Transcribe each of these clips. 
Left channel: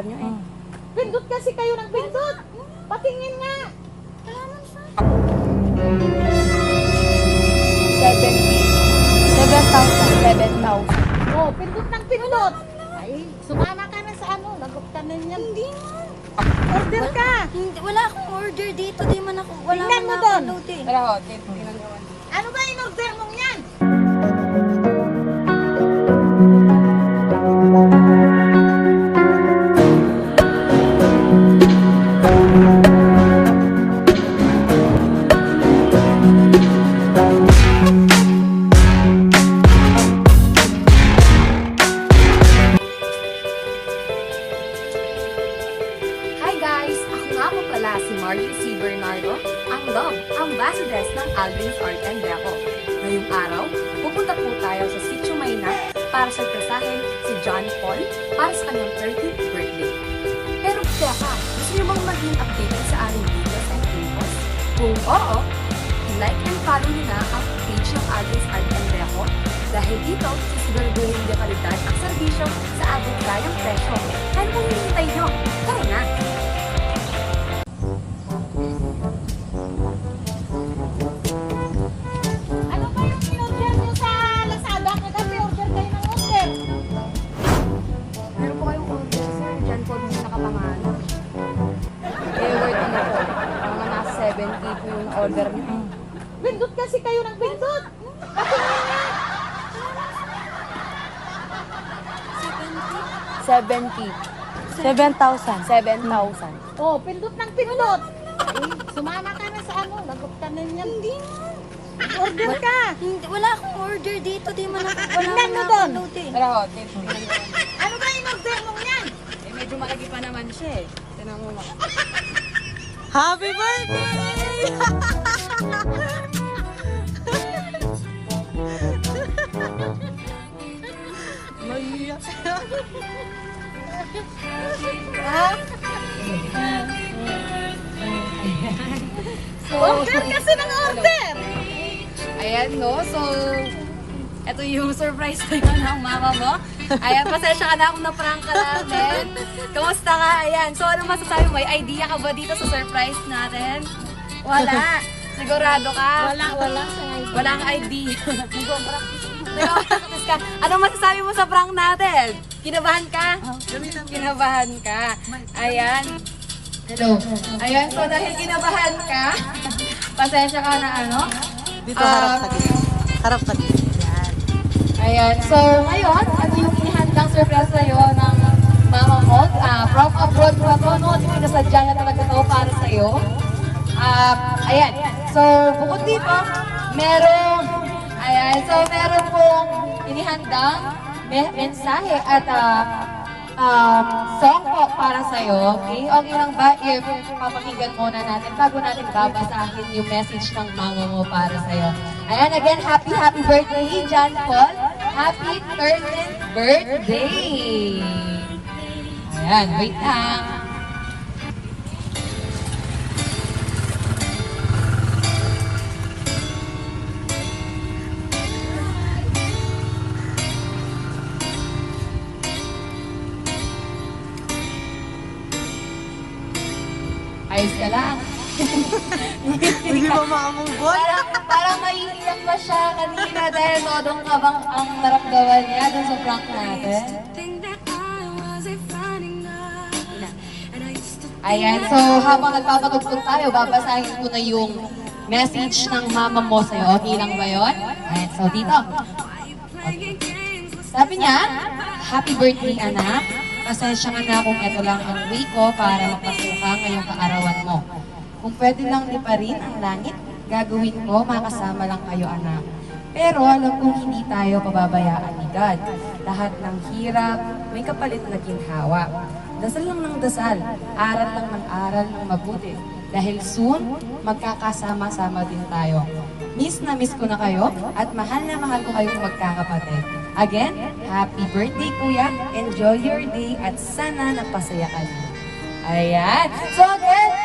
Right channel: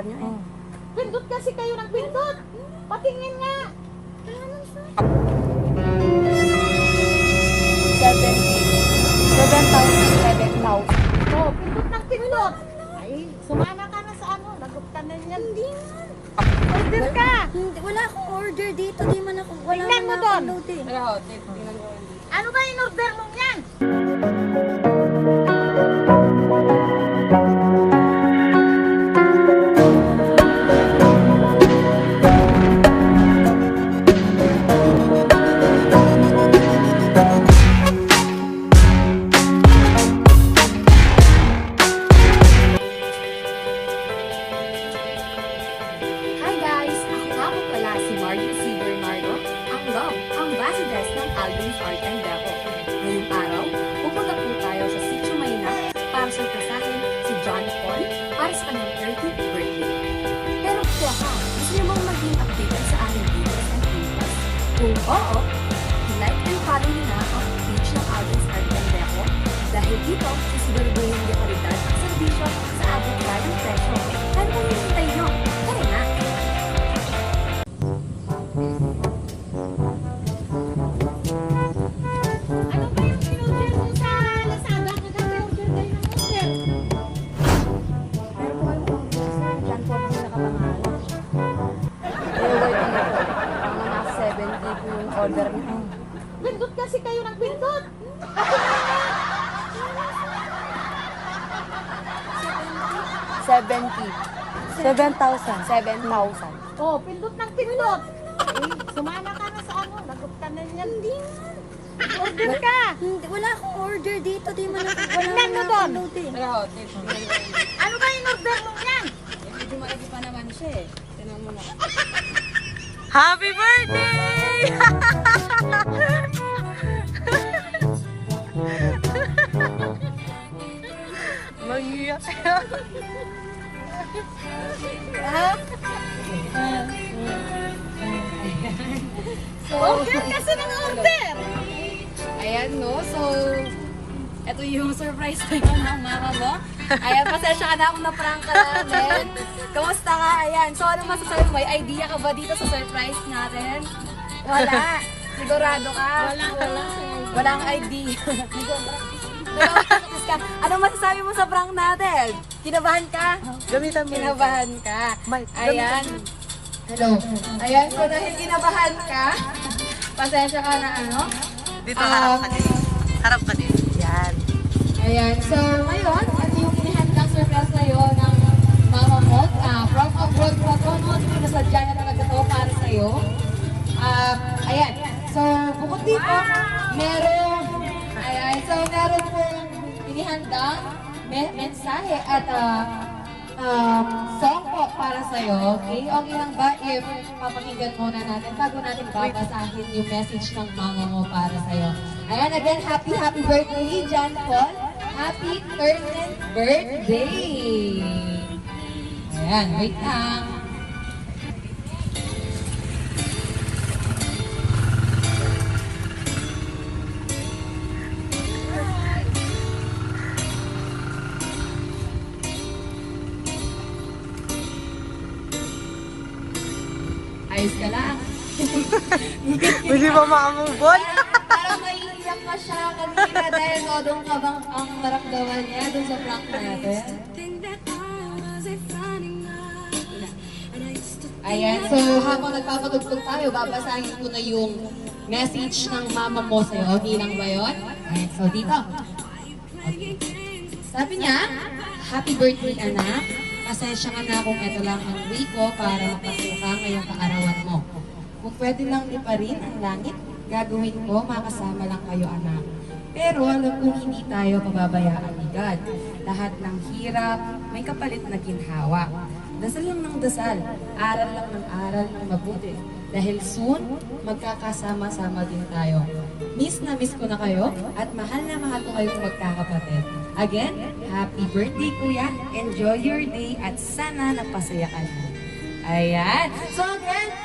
order nyo eh. Pindot kasi kayo ng pindot. Patingin nga. 7,000. 7,000. Oh, pindot ng pindot. Ay, sumama ka na sa ano. Naguktan na niyan. Hindi nga. Order ka. Hindi, wala akong order dito. Di man ako, wala Tingnan man mo ako. Wala tingnan nyo. Ano ba yung order mong yan? Tayo sa Sitio Mayna para surpresahin si John Paul para sa kanyang 30th birthday. Pero teka, gusto niyo bang maging updated sa aming videos and infos? Kung oo, like and follow niyo na ang page ng Alvin's Art and Deco dahil dito, sisiguraduhin niyo kalidad ang serbisyo sa ating kayang presyo. 70 po yung order nyo. Pindot kasi kayo ng pindot. 70. 7,000. 7,000. Oh, pindot ng pindot. Ay, sumama ka na sa ano. Naguktan na niyan. Hindi nga. Order ka. Hindi, wala akong order dito. Di man ako, wala man mo ako load eh. Wala nyo. Ano ba yung order mong yan? Eh, medyo malagi pa naman siya eh. Tingnan mo na. Happy birthday! Mahiyak. Order kasi ng order! Ayan, no? So, ito yung surprise ngayon ng mama mo. Ayan, pasensya ka na kung na-prank ka natin. Kamusta ka? Ayan. So, ano masasabi mo? May idea ka ba dito sa surprise natin? Wala. Sigurado ka? Wala, wala. Walang idea. Nag-practice ka. Ano masasabi mo sa prank natin? Kinabahan ka? Gamitan mo. Kinabahan ka. Ayan. Hello. Ayan, so dahil kinabahan ka, pasensya ka na ano? Dito Um, harap ka dito. Harap ka dito. Yan. Ayan, so ngayon, ano yung inihandang surprise sa'yo ng mama mo? Ah, from abroad pa to, no? Pinasadya niya talaga to para sa'yo. Ah, ayan, so bukod dito, merong, ayan, so meron pong inihandang me- mensahe at ah, um, song po para sa'yo. Okay? Okay lang ba if papakinggan muna natin bago natin babasahin yung message ng mama mo para sa'yo? Ayan, again, happy, happy birthday, John Paul. Happy 13th birthday! Ayan, wait lang. Ayos ka lang. Hindi ba makamubot? Naiiyak pa siya kanina dahil todong kabang ang naramdaman niya dun sa prank natin. Ayan, so habang nagpapatugtog tayo, babasahin ko na yung message ng mama mo sa'yo. Okay lang ba yun? Ayan, so dito. Okay. Sabi niya, Happy birthday anak. Pasensya ka na kung ito lang ang way ko para mapasuka ngayong kaarawan mo. Kung pwede lang liparin ang langit, gagawin ko, makasama lang kayo anak. Pero alam kong hindi tayo pababayaan ni God. Lahat ng hirap, may kapalit na ginhawa. Dasal lang ng dasal, aral lang ng aral ng mabuti. Dahil soon, magkakasama-sama din tayo. Miss na miss ko na kayo at mahal na mahal ko kayong magkakapatid. Again, happy birthday kuya. Enjoy your day at sana napasaya ka na. Ayan. So again,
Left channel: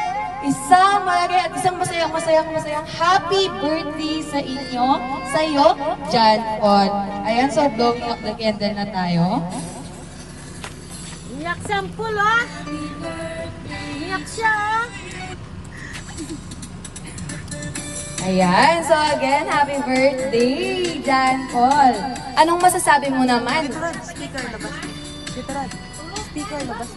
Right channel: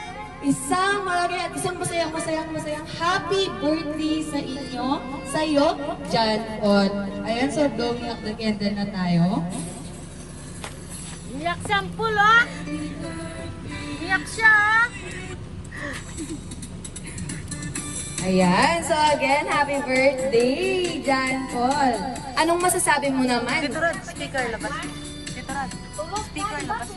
isang malagay at isang masayang masayang masayang happy birthday sa inyo, sa iyo, John Paul. Ayan, so blowing up the candle na tayo. Iyak Example, ah. Iyak siya, ah. Ayan, so again, happy birthday, Jan Paul. Anong masasabi mo naman? Speaker, labas. Speaker, labas.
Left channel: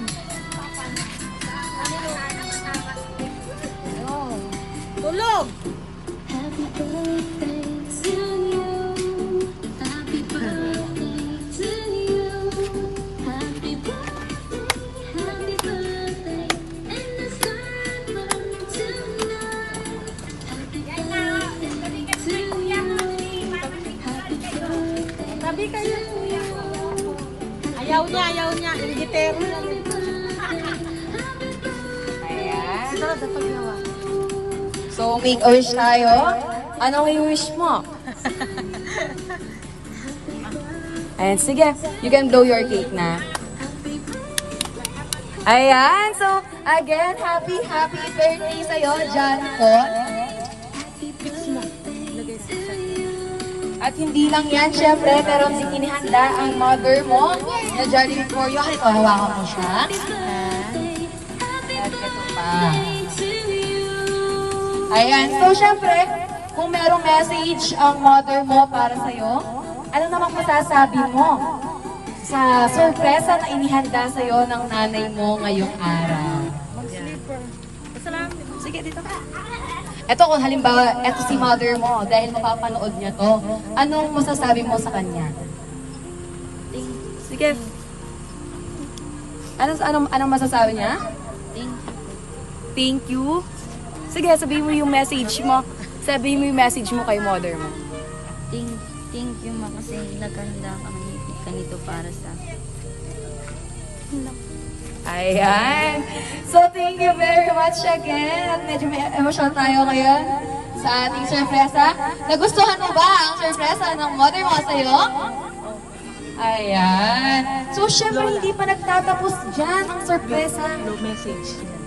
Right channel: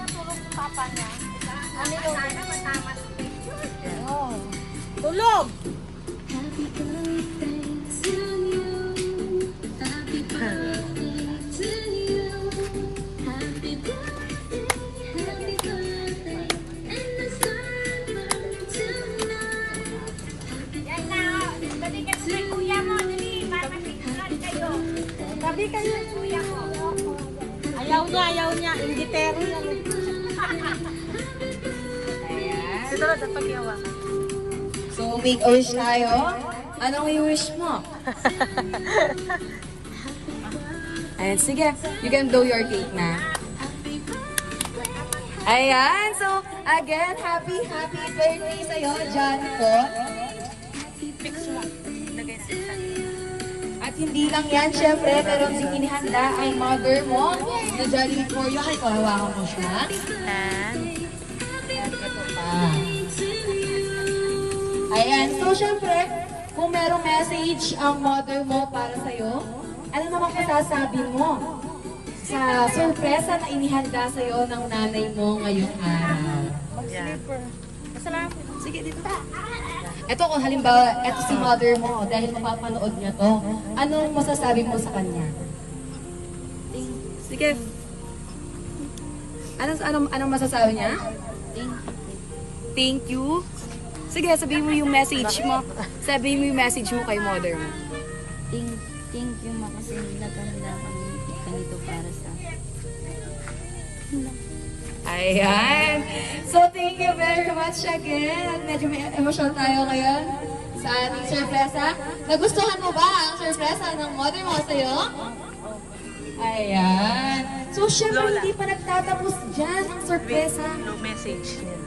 Tulog! Ayaw niya, ayaw niya. Ingitero lang. Ayan. Ito, dapat yawa. So, make a wish tayo. Anong i-wish mo? Ayan, sige. You can blow your cake na. Ayan, so again, happy, happy birthday sa'yo, John Paul. At hindi lang yan, syempre, pero din inihanda ang mother mo na Johnny Victorio. Halika, hawakan mo siya. At ito pa. Ayan, so syempre, kung merong message ang mother mo para sa'yo, ano namang masasabi mo sa sorpresa na inihanda sa'yo ng nanay mo ngayong araw? Sige, dito ka. Ito kung halimbawa, ito si mother mo, dahil mapapanood niya to, anong masasabi mo sa kanya? Sige. Ano, anong, anong masasabi niya? Thank you. Sige, sabihin mo yung message mo. Sabihin mo yung message mo kay mother mo. Thank, thank you ma kasi naghanda ka ng ganito para sa Ayan. So, thank you very much again. Medyo may emotional tayo ngayon sa ating sorpresa. Nagustuhan mo ba ang sorpresa ng mother mo sa'yo? Ayan. So, syempre, hindi pa nagtatapos dyan ang sorpresa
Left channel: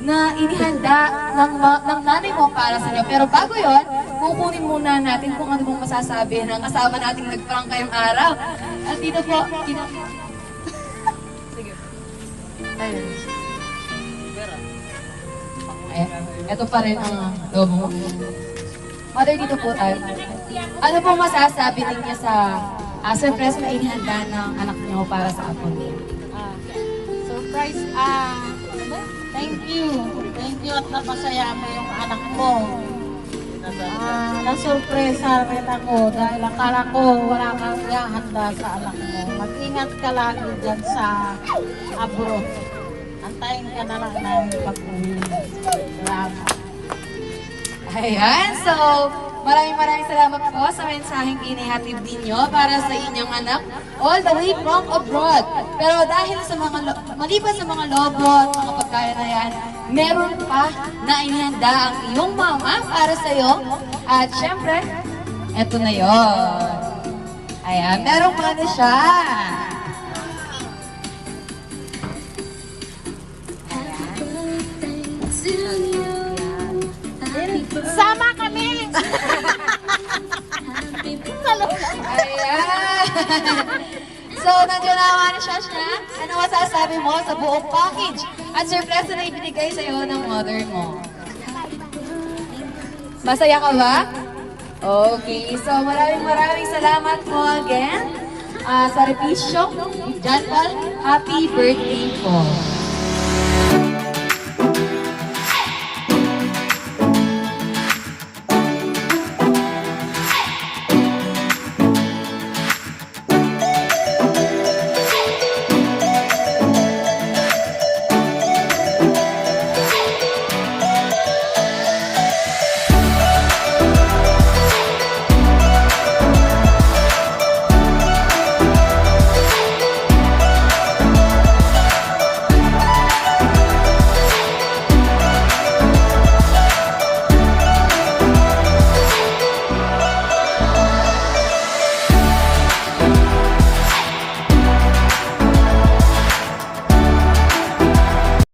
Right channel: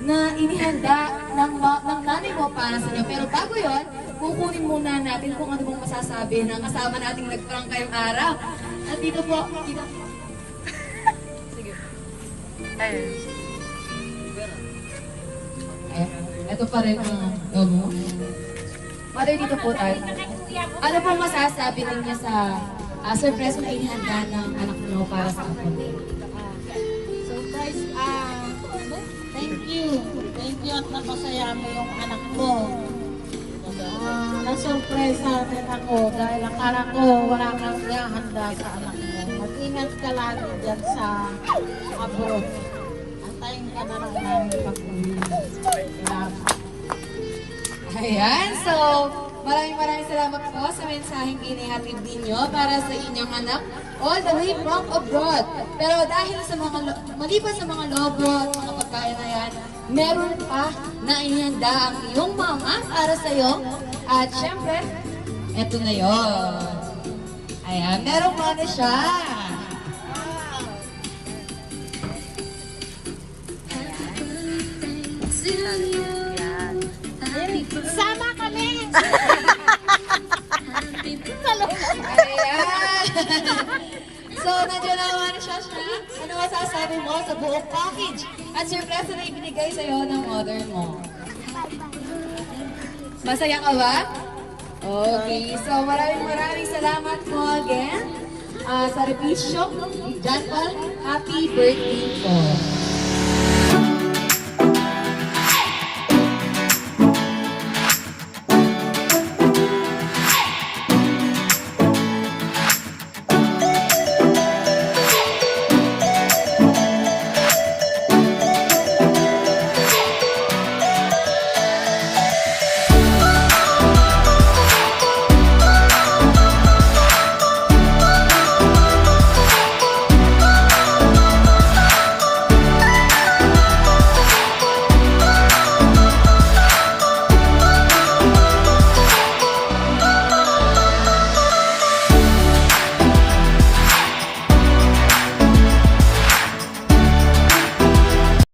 na inihanda ng, ng nanay mo para sa inyo. Pero bago yon, kukunin muna natin kung ano bang masasabi ng kasama nating nagparang kayong araw. At dito po, dito. Eh, ito pa rin ang lobo mo. Mother, dito po tayo. Ano pong masasabi ninyo sa uh, surprise na inihanda ng anak niyo para sa apo? Ah, surprise, ah, thank you. Thank you at napasaya mo yung anak mo. Ah, nasurpresa rin ako dahil akala ko wala kang handa sa anak mo. Mag-ingat ka lagi dyan sa abroad. Antayin ka na lang namin pag-uwi. Salamat. Ayan, so maraming maraming salamat po sa mensaheng inihatid ninyo para sa inyong anak all the way from abroad. Pero dahil sa mga, maliban sa mga lobo at mga pagkain na yan, meron pa na inihanda ang iyong mama para sa iyo. At syempre, eto na yon. Ayan, meron pa na siya. Kami! Ayan. So, nandiyan na na siya siya. Ano masasabi mo sa buong package? At surprise na ibinigay sa'yo ng mother mo. Masaya ka ba? Okay, so maraming maraming salamat po again. Ah, sa repeat show, John happy birthday po.